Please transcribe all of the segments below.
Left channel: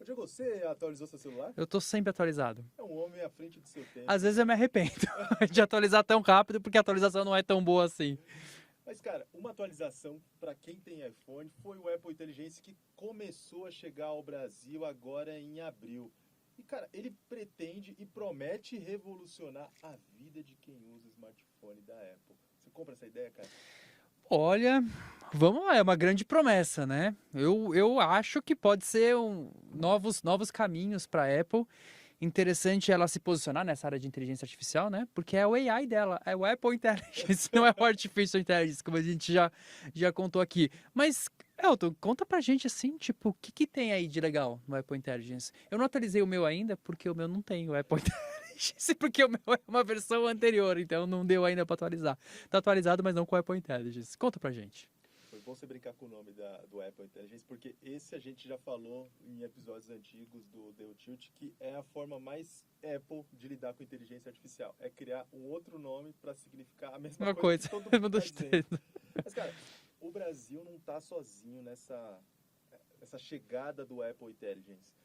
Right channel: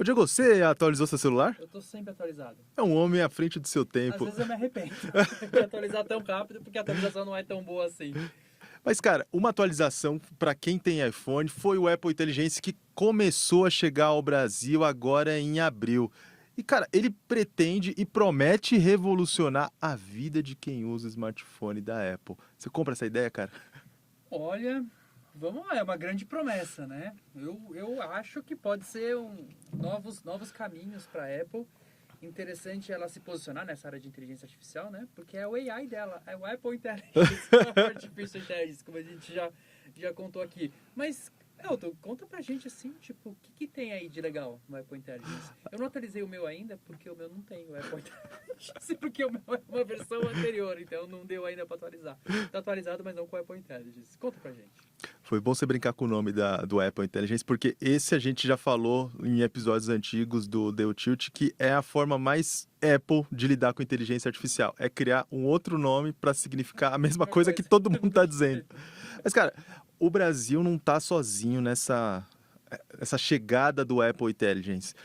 Ô, Diego, você atualizou seu celular? Eu tô sempre atualizado. É um homem à frente do seu tempo. Às vezes eu me arrependo de atualizar tão rápido, porque a atualização não é tão boa assim. Mas, cara, uma atualização para quem tem iPhone foi o Apple Intelligence que começou a chegar ao Brasil agora em abril. E, cara, ele pretende e promete revolucionar a vida de quem usa o smartphone da Apple. Você compra essa ideia, cara? Olha, vamos lá, é uma grande promessa, né? Eu acho que pode ser novos caminhos para a Apple. Interessante ela se posicionar nessa área de inteligência artificial, né? Porque é o AI dela, é o Apple Intelligence, não é o Artificial Intelligence, como a gente já contou aqui. Mas, Elton, conta pra gente assim, tipo, o que tem aí de legal no Apple Intelligence? Eu não atualizei o meu ainda, porque o meu não tem o Apple Intelligence, porque o meu é uma versão anterior, então não deu ainda pra atualizar. Tá atualizado, mas não com o Apple Intelligence. Conta pra gente. Foi bom você brincar com o nome do Apple Intelligence, porque esse a gente já falou em episódios antigos do The Tilt, que é a forma mais Apple de lidar com inteligência artificial. É criar um outro nome para significar a mesma coisa que todo mundo está dizendo. Mas, cara, o Brasil não está sozinho essa chegada do Apple Intelligence.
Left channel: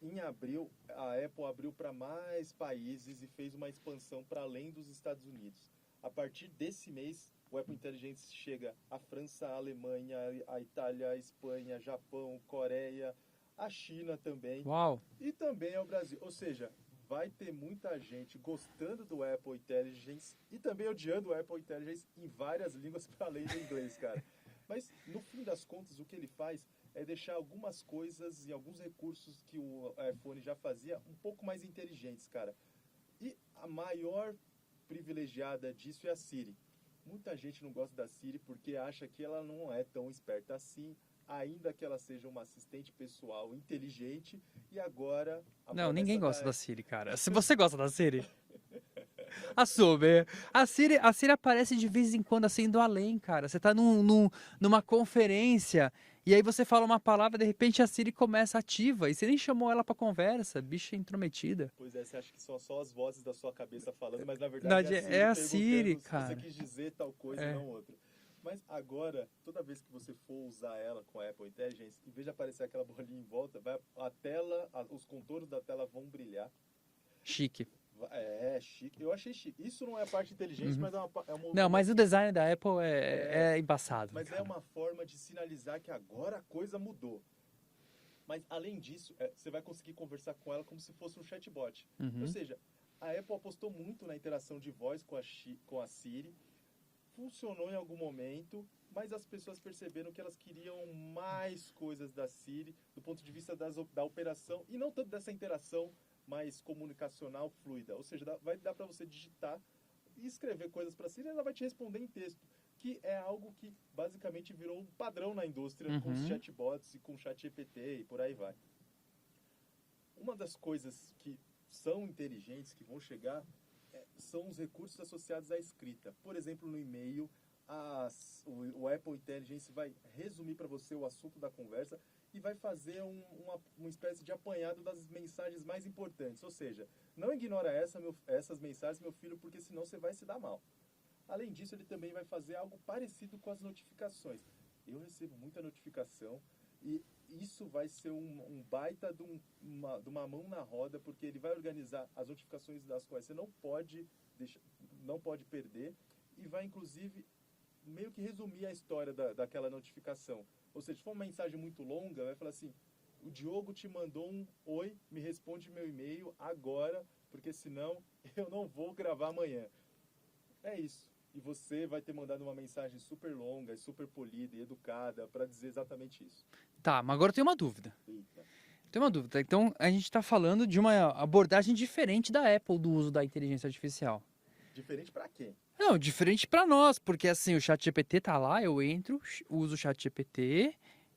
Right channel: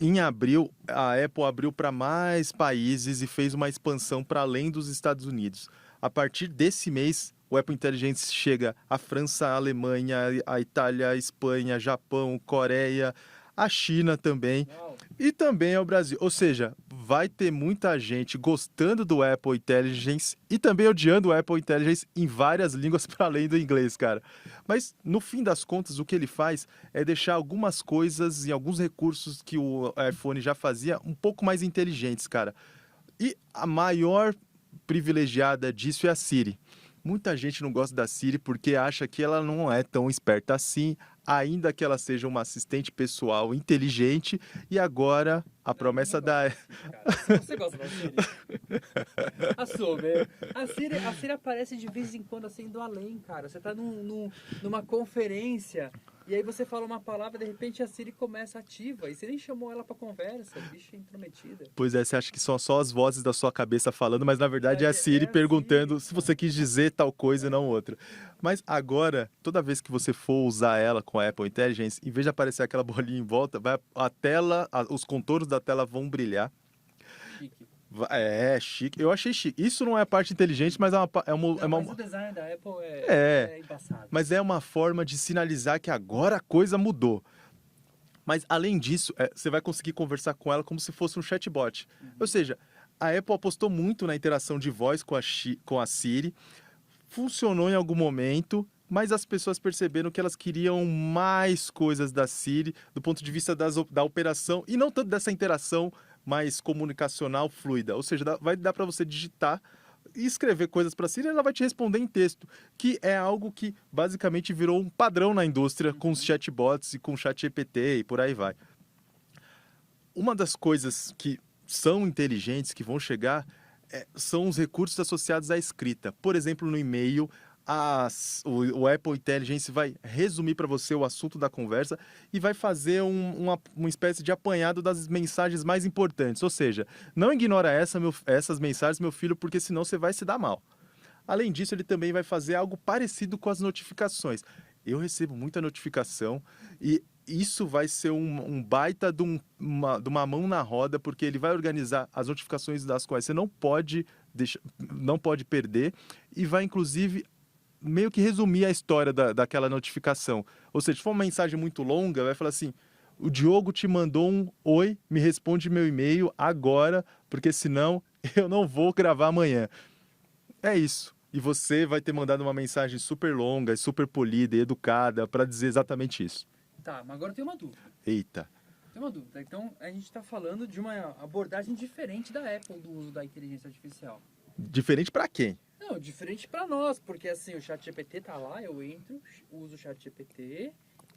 Em abril, a Apple abriu para mais países e fez uma expansão para além dos Estados Unidos. A partir desse mês, o Apple Intelligence chega à França, à Alemanha, à Itália, à Espanha, Japão, Coreia, à China também. Uau. E também ao Brasil. Ou seja, vai ter muita gente gostando do Apple Intelligence e também odiando o Apple Intelligence em várias línguas para além do inglês, cara. Mas, no fim das contas, o que ele faz é deixar algumas coisas e alguns recursos que o iPhone já fazia um pouco mais inteligentes, cara. E a maior privilegiada disso é a Siri. Muita gente não gosta da Siri porque acha que ela não é tão esperta assim, ainda que ela seja uma assistente pessoal inteligente. E agora a Não, promessa ninguém gosta da da Siri, cara. Se você gosta da Siri, assume. A Siri aparece de vez em quando assim indo além, cara. Você tá numa conferência e aí você fala uma palavra, de repente a Siri começa ativa e você nem chamou ela pra conversa, bicha intrometida. Pois é, você acha que são só as vozes da sua cabeça falando, mas na verdade é a É Siri a perguntando Siri, se você cara. quis dizer tal coisa e É. não outra. Mas agora, toda vez que você for usar ela com a Apple Intelligence, em vez de aparecer aquela bolinha em volta, a tela, os contornos da tela vão brilhar. Chique. É, chique. Eu achei chique. Isso não é a parte inteligente, mas Não, mas o design da Apple É, é embaçado. mas é uma forma de sinalizar que agora a coisa mudou. Mas, além disso, você vai conseguir conversar com ela como se fosse um chatbot. Ou seja, a Apple apostou muito na interação de voz com a Siri, funcionou em algum momento, mas as pessoas perceberam que elas queriam mais coisas da Siri do ponto de vista da operação e não tanto dessa interação mais comunicacional fluida. Ou seja, vai dar para você digitar e escrever coisas para a Siri, ela vai te responder em texto, que é algo que basicamente virou um padrão na indústria com os chatbots e com o ChatGPT e por aí vai. Uma das coisas que são inteligentes, que vão chegar, são os recursos associados à escrita. Por exemplo, no e-mail, o Apple Intelligence vai resumir para você o assunto da conversa e vai fazer uma espécie de apanhado das mensagens mais importantes. Ou seja, não ignora essas mensagens, meu filho, porque senão você vai se dar mal. Além disso, ele também vai fazer algo parecido com as notificações. Eu recebo muita notificação e isso vai ser um baita de uma mão na roda, porque ele vai organizar as notificações das quais você não pode perder e vai, inclusive, meio que resumir a história daquela notificação. Ou seja, se for uma mensagem muito longa, vai falar assim: o Diogo te mandou um oi, me responde meu e-mail agora, porque senão eu não vou gravar amanhã. É isso. E você vai ter mandado uma mensagem super longa, super polida e educada para dizer exatamente isso. Tá, mas agora eu tenho uma dúvida. Eita. Tem uma dúvida. Então, a gente está falando de uma abordagem diferente da Apple do uso da inteligência artificial. Diferente para quem? Não, diferente para nós, porque assim, o ChatGPT tá lá, eu entro, uso o ChatGPT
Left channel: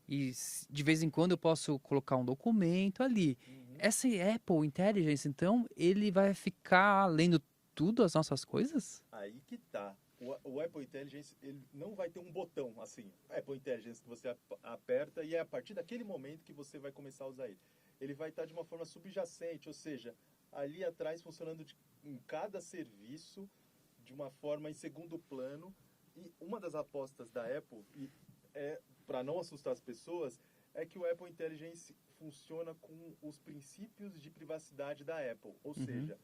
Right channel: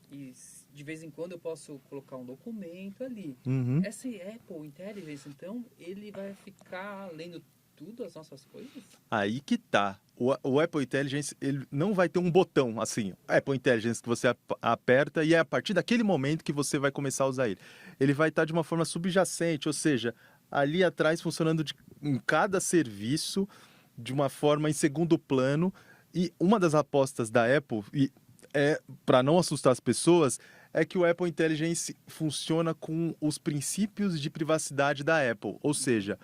e de vez em quando eu posso colocar um documento ali. Essa Apple Intelligence, então, ele vai ficar lendo tudo as nossas coisas? Aí que tá. O Apple Intelligence, ele não vai ter um botão assim, Apple Intelligence, que você aperta e é a partir daquele momento que você vai começar a usar ele. Ele vai estar de uma forma subjacente, ou seja, ali atrás funcionando em cada serviço de uma forma em segundo plano. E uma das apostas da Apple, para não assustar as pessoas, é que o Apple Intelligence funciona com os princípios de privacidade da Apple. Ou seja,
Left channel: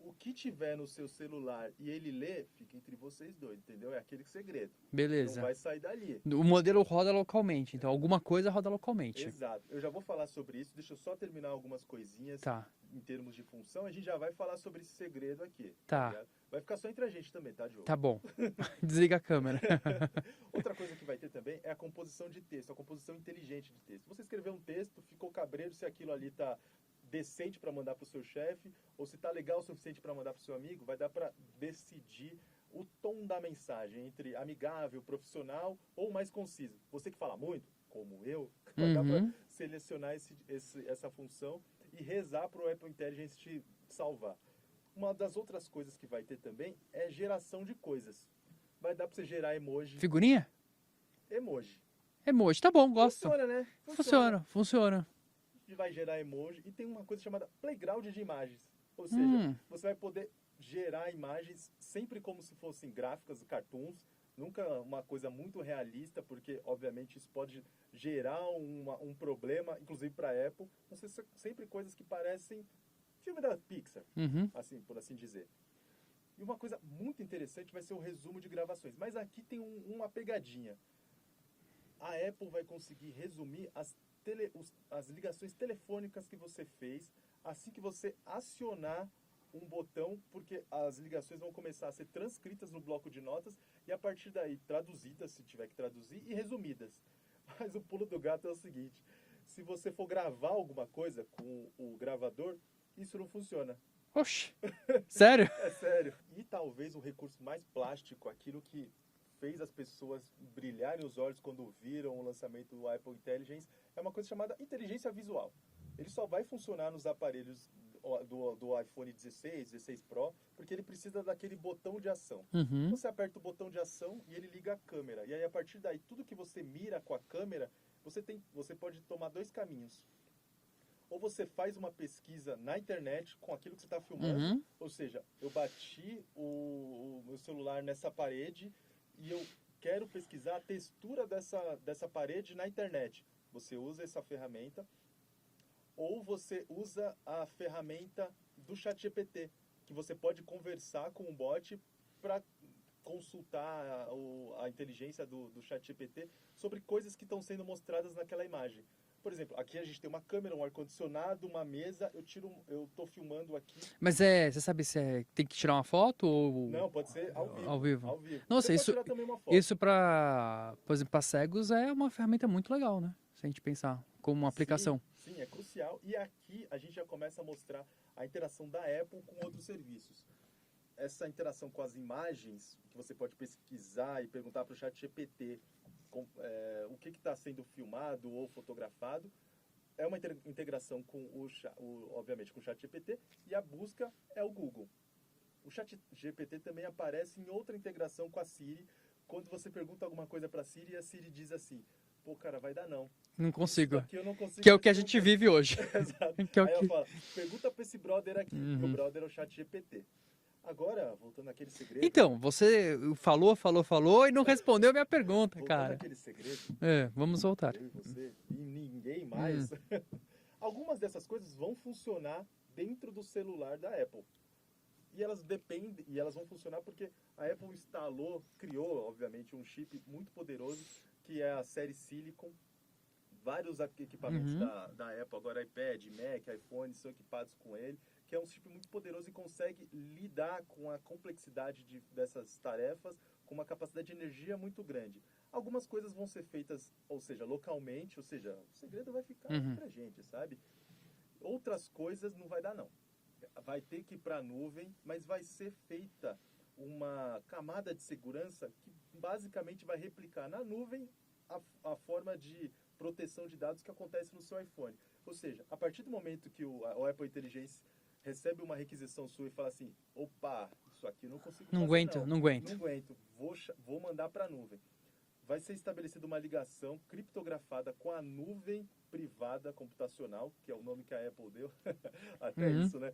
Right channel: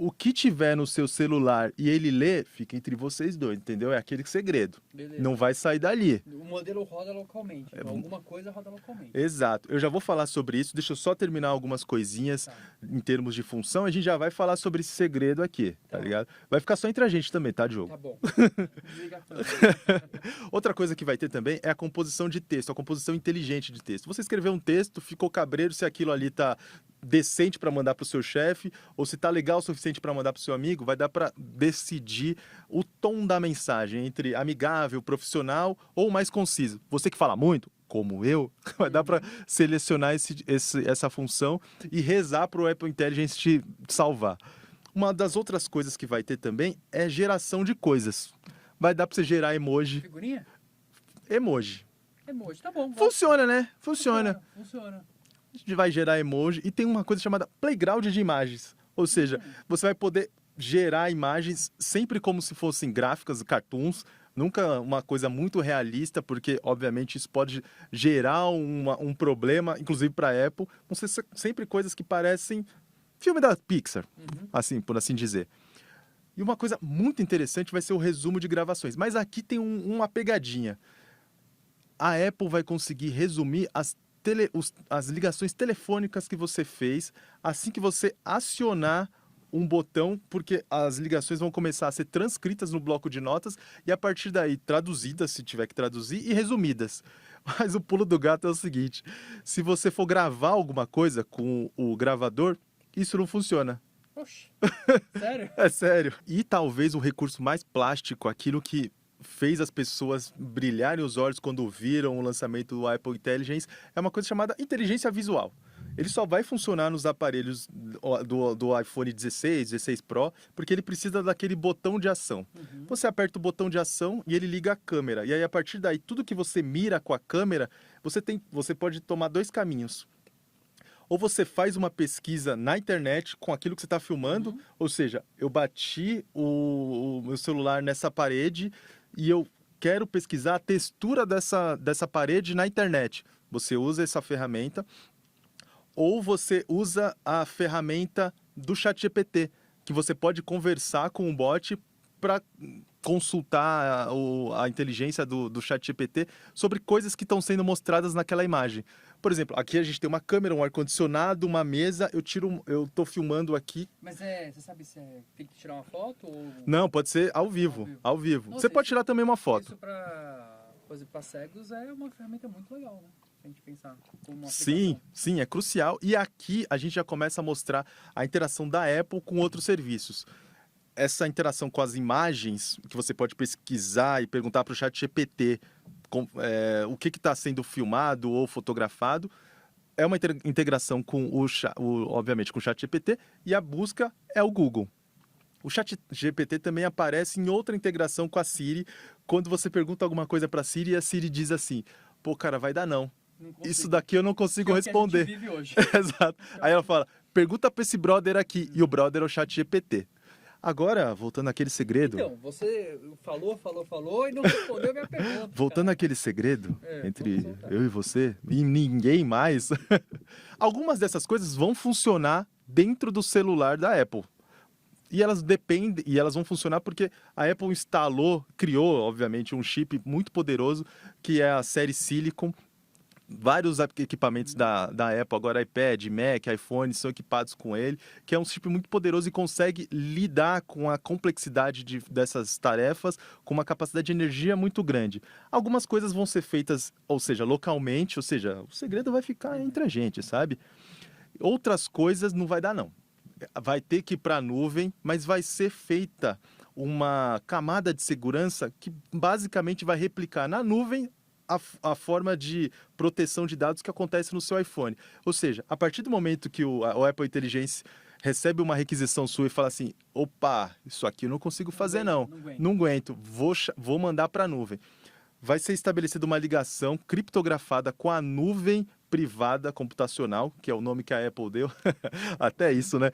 o que tiver no seu celular e ele lê, fica entre vocês dois, entendeu? É aquele segredo. Beleza. Não vai sair dali. O modelo roda localmente, então alguma coisa roda localmente. Exato. Eu já vou falar sobre isso. Deixa eu só terminar algumas coisinhas Tá. em termos de função. A gente já vai falar sobre esse segredo aqui, tá Tá. ligado? Vai ficar só entre a gente também, tá, Diogo? Tá bom. Desliga a câmera. Outra coisa que vai ter também é a composição de texto, a composição inteligente de texto. Você escreveu um texto, ficou cabreiro se aquilo ali tá decente para mandar para o seu chefe ou se tá legal o suficiente para mandar para o seu amigo, vai dar para decidir o tom da mensagem entre amigável, profissional ou mais conciso. Você que fala muito, como eu, vai dar para selecionar essa função e rezar para o Apple Intelligence te salvar. Uma das outras coisas que vai ter também é geração de coisas. Vai dar para você gerar emoji. Figurinha? Emoji. Emoji, tá bom. Gosto. Funciona, né? Funciona. Funciona. A gente vai gerar emoji e tem uma coisa chamada playground de imagens. Ou seja, você vai poder gerar imagens sempre como se fossem gráficas, cartoons, nunca uma coisa muito realista, porque, obviamente, isso pode gerar um problema, inclusive para a Apple. Vão ser sempre coisas que parecem filme da Pixar, assim, por assim dizer. E uma coisa muito interessante vai ser o resumo de gravações. Mas aqui tem uma pegadinha. A Apple vai conseguir resumir as ligações telefônicas que você fez assim que você acionar um botão, porque as ligações vão começar a ser transcritas no bloco de notas e a partir daí traduzidas, se tiver que traduzir, e resumidas. Mas o pulo do gato é o seguinte: se você for gravar alguma coisa com o gravador, isso não funciona. Oxi. Sério? É sério. E talvez o recurso mais plástico, aquilo que fez as pessoas brilharem os olhos quando viram o lançamento do Apple Intelligence, é uma coisa chamada inteligência visual. Ele só vai funcionar nos aparelhos do iPhone 16, 16 Pro, porque ele precisa daquele botão de ação. Você aperta o botão de ação e ele liga a câmera. E aí, a partir daí, tudo que você mira com a câmera, você pode tomar dois caminhos. Ou você faz uma pesquisa na internet com aquilo que você está filmando, ou seja, eu bati o meu celular nessa parede e eu quero pesquisar a textura dessa parede na internet. Você usa essa ferramenta, ou você usa a ferramenta do ChatGPT, que você pode conversar com o bot para consultar a inteligência do ChatGPT sobre coisas que estão sendo mostradas naquela imagem. Por exemplo, aqui a gente tem uma câmera, um ar-condicionado, uma mesa, eu tô filmando aqui. Mas você sabe se tem que tirar uma foto ou... Não, pode ser ao vivo. Ao vivo. Nossa, você pode tirar também uma foto. Isso por exemplo, para cegos é uma ferramenta muito legal, né? Se a gente pensar como uma aplicação. Sim, é crucial. E aqui a gente já começa a mostrar a interação da Apple com outros serviços. Essa interação com as imagens, que você pode pesquisar e perguntar para o ChatGPT o que está sendo filmado ou fotografado, é uma integração com obviamente com o ChatGPT, e a busca é o Google. O ChatGPT também aparece em outra integração com a Siri, quando você pergunta alguma coisa para a Siri e a Siri diz assim: pô, cara, vai dar não. Não consigo. Isso daqui eu não consigo que é responder. O que a gente vive hoje. Exato. Aí ela fala: pergunta para esse brother aqui. E o brother é o ChatGPT. Agora, voltando àquele segredo... Então, você falou e não respondeu a minha pergunta, Voltando àquele segredo entre vamos voltar. eu e você, e ninguém mais, algumas dessas coisas vão funcionar dentro do celular da Apple. E elas dependem, e elas vão funcionar porque a Apple criou, obviamente, um chip muito poderoso, que é a série Silicon. Vários equipamentos da Apple, agora iPad, Mac, iPhone, são equipados com ele, que é um chip muito poderoso e consegue lidar com a complexidade dessas tarefas com uma capacidade de energia muito grande. Algumas coisas vão ser feitas, ou seja, localmente, ou seja, o segredo vai ficar entre a gente, sabe? Outras coisas não vai dar, não. Vai ter que ir para a nuvem, mas vai ser feita uma camada de segurança que basicamente vai replicar na nuvem a forma de proteção de dados que acontece no seu iPhone. Ou seja, a partir do momento que o Apple Intelligence recebe uma requisição sua e fala assim: opa, isso aqui eu não consigo fazer não. Não aguento. Vou mandar para a nuvem. Vai ser estabelecida uma ligação criptografada com a nuvem privada computacional, que é o nome que a Apple deu. Até isso, né?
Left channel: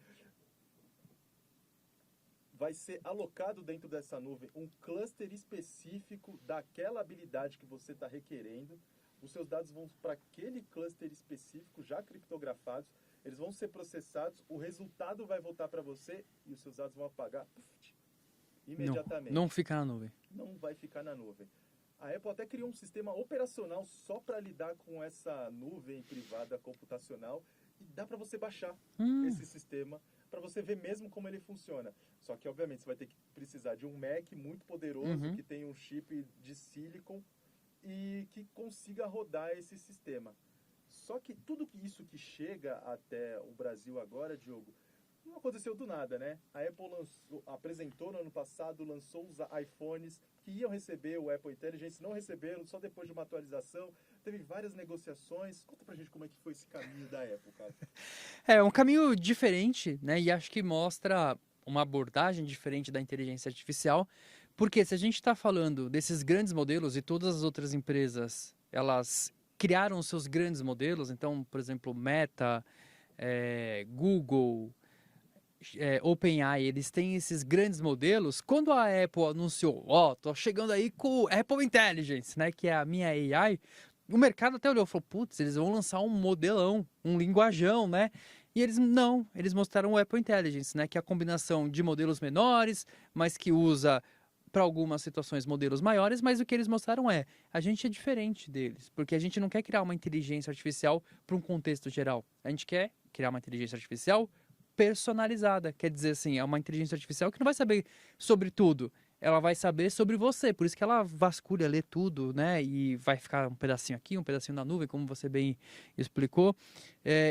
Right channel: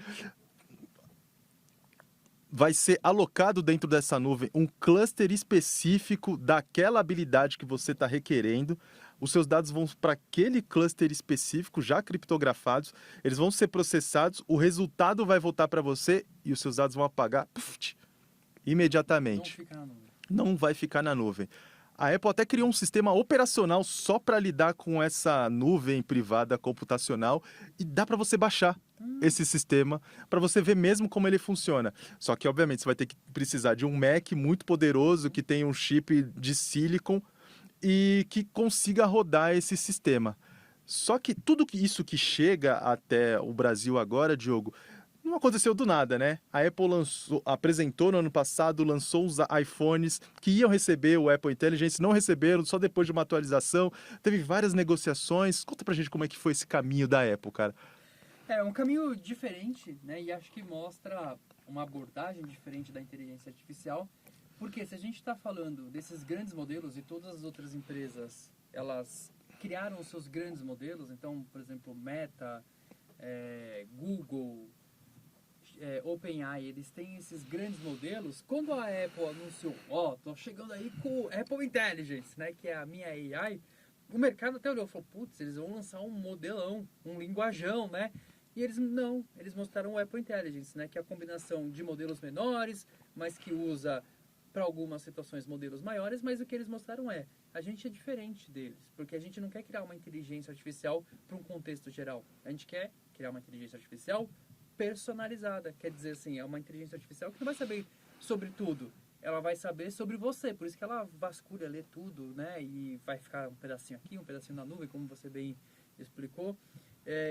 Vai ser alocado dentro dessa nuvem um cluster específico daquela habilidade que você está requerendo. os seus dados vão para aquele cluster específico, já criptografados, eles vão ser processados, o resultado vai voltar para você e os seus dados vão apagar imediatamente. Não fica na nuvem. Não vai ficar na nuvem. A Apple até criou um sistema operacional só para lidar com essa nuvem privada computacional e dá para você baixar esse sistema para você ver mesmo como ele funciona. Só que, obviamente, você vai ter que precisar de um Mac muito poderoso que tem um chip de silicon e que consiga rodar esse sistema. Só que tudo isso que chega até o Brasil agora, Diogo, não aconteceu do nada, né? A Apple apresentou no ano passado, lançou os iPhones que iam receber o Apple Intelligence, não receberam, só depois de uma atualização. Teve várias negociações. Conta pra gente como é que foi esse caminho da Apple, cara. É um caminho diferente, né? E acho que mostra uma abordagem diferente da inteligência artificial. Porque se a gente está falando desses grandes modelos e todas as outras empresas, elas criaram os seus grandes modelos. Então, por exemplo, Meta, Google... OpenAI, eles têm esses grandes modelos. Quando a Apple anunciou, tô chegando aí com o Apple Intelligence, né, que é a minha AI, o mercado até olhou e falou, putz, eles vão lançar um modelão, um linguajão, né? E eles mostraram o Apple Intelligence, né, que é a combinação de modelos menores, mas que usa para algumas situações modelos maiores, mas o que eles mostraram a gente é diferente deles, porque a gente não quer criar uma inteligência artificial para um contexto geral. A gente quer criar uma inteligência artificial personalizada, quer dizer assim, é uma inteligência artificial que não vai saber sobre tudo, ela vai saber sobre você, por isso que ela vasculha, lê tudo, né, e vai ficar um pedacinho aqui, um pedacinho na nuvem, como você bem explicou,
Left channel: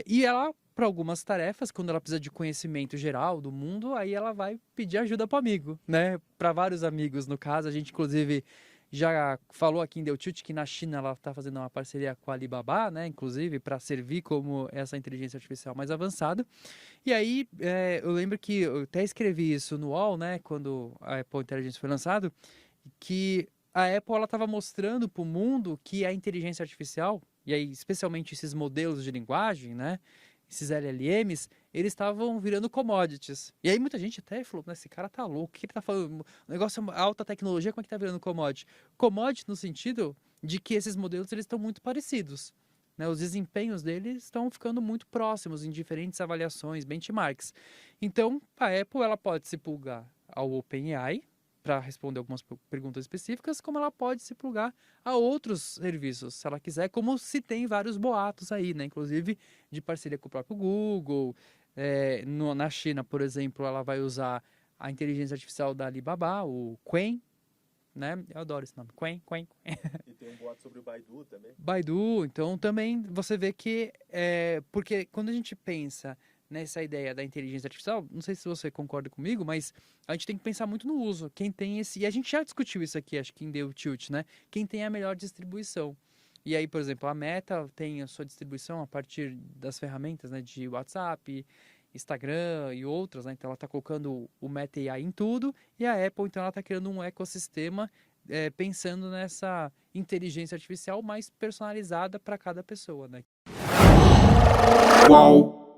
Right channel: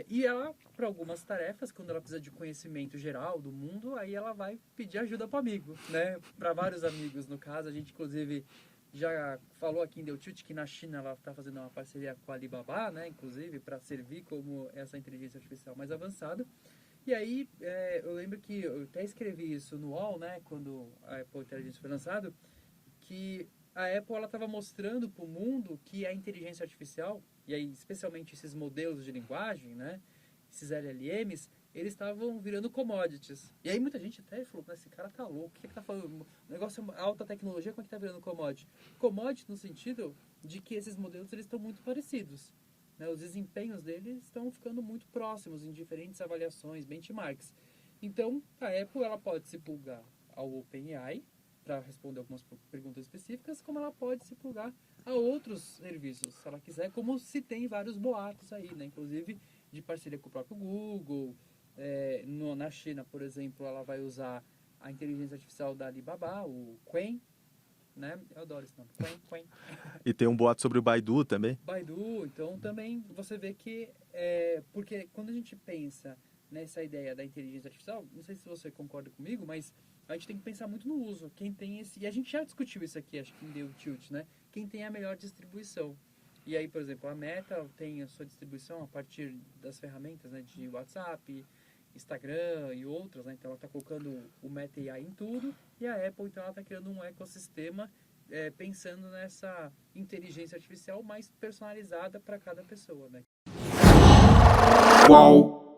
e ela, para algumas tarefas, quando ela precisa de conhecimento geral do mundo, aí ela vai pedir ajuda para o amigo, né, para vários amigos, no caso, a gente inclusive já falou aqui em Deu Tilt que na China ela está fazendo uma parceria com a Alibaba, né, inclusive, para servir como essa inteligência artificial mais avançada. E aí, eu lembro que eu até escrevi isso no UOL, né, quando a Apple Intelligence foi lançado, que a Apple estava mostrando para o mundo que a inteligência artificial, e aí especialmente esses modelos de linguagem, né, esses LLMs, eles estavam virando commodities. E aí muita gente até falou, esse cara tá louco, o que ele tá falando? O negócio é alta tecnologia, como é que tá virando commodity? Commodity no sentido de que esses modelos eles estão muito parecidos. Né, os desempenhos deles estão ficando muito próximos em diferentes avaliações, benchmarks. Então, a Apple ela pode se plugar ao OpenAI para responder algumas perguntas específicas, como ela pode se plugar a outros serviços, se ela quiser, como se tem vários boatos aí, né? Inclusive de parceria com o próprio Google. Na China, por exemplo, ela vai usar a inteligência artificial da Alibaba, o Qwen, né? Eu adoro esse nome, Qwen. E tem um boato sobre o Baidu também. Baidu, então também você vê que... porque quando a gente pensa nessa ideia da inteligência artificial, não sei se você concorda comigo, mas a gente tem que pensar muito no uso. Quem tem esse... E a gente já discutiu isso aqui, acho que em Deu Tilt, né? Quem tem a melhor distribuição. E aí, por exemplo, a Meta tem a sua distribuição a partir das ferramentas, né, de WhatsApp, Instagram e outras, né? Então ela está colocando o Meta AI em tudo, e a Apple, então, ela está criando um ecossistema pensando nessa inteligência artificial mais personalizada para cada pessoa, né? Qual?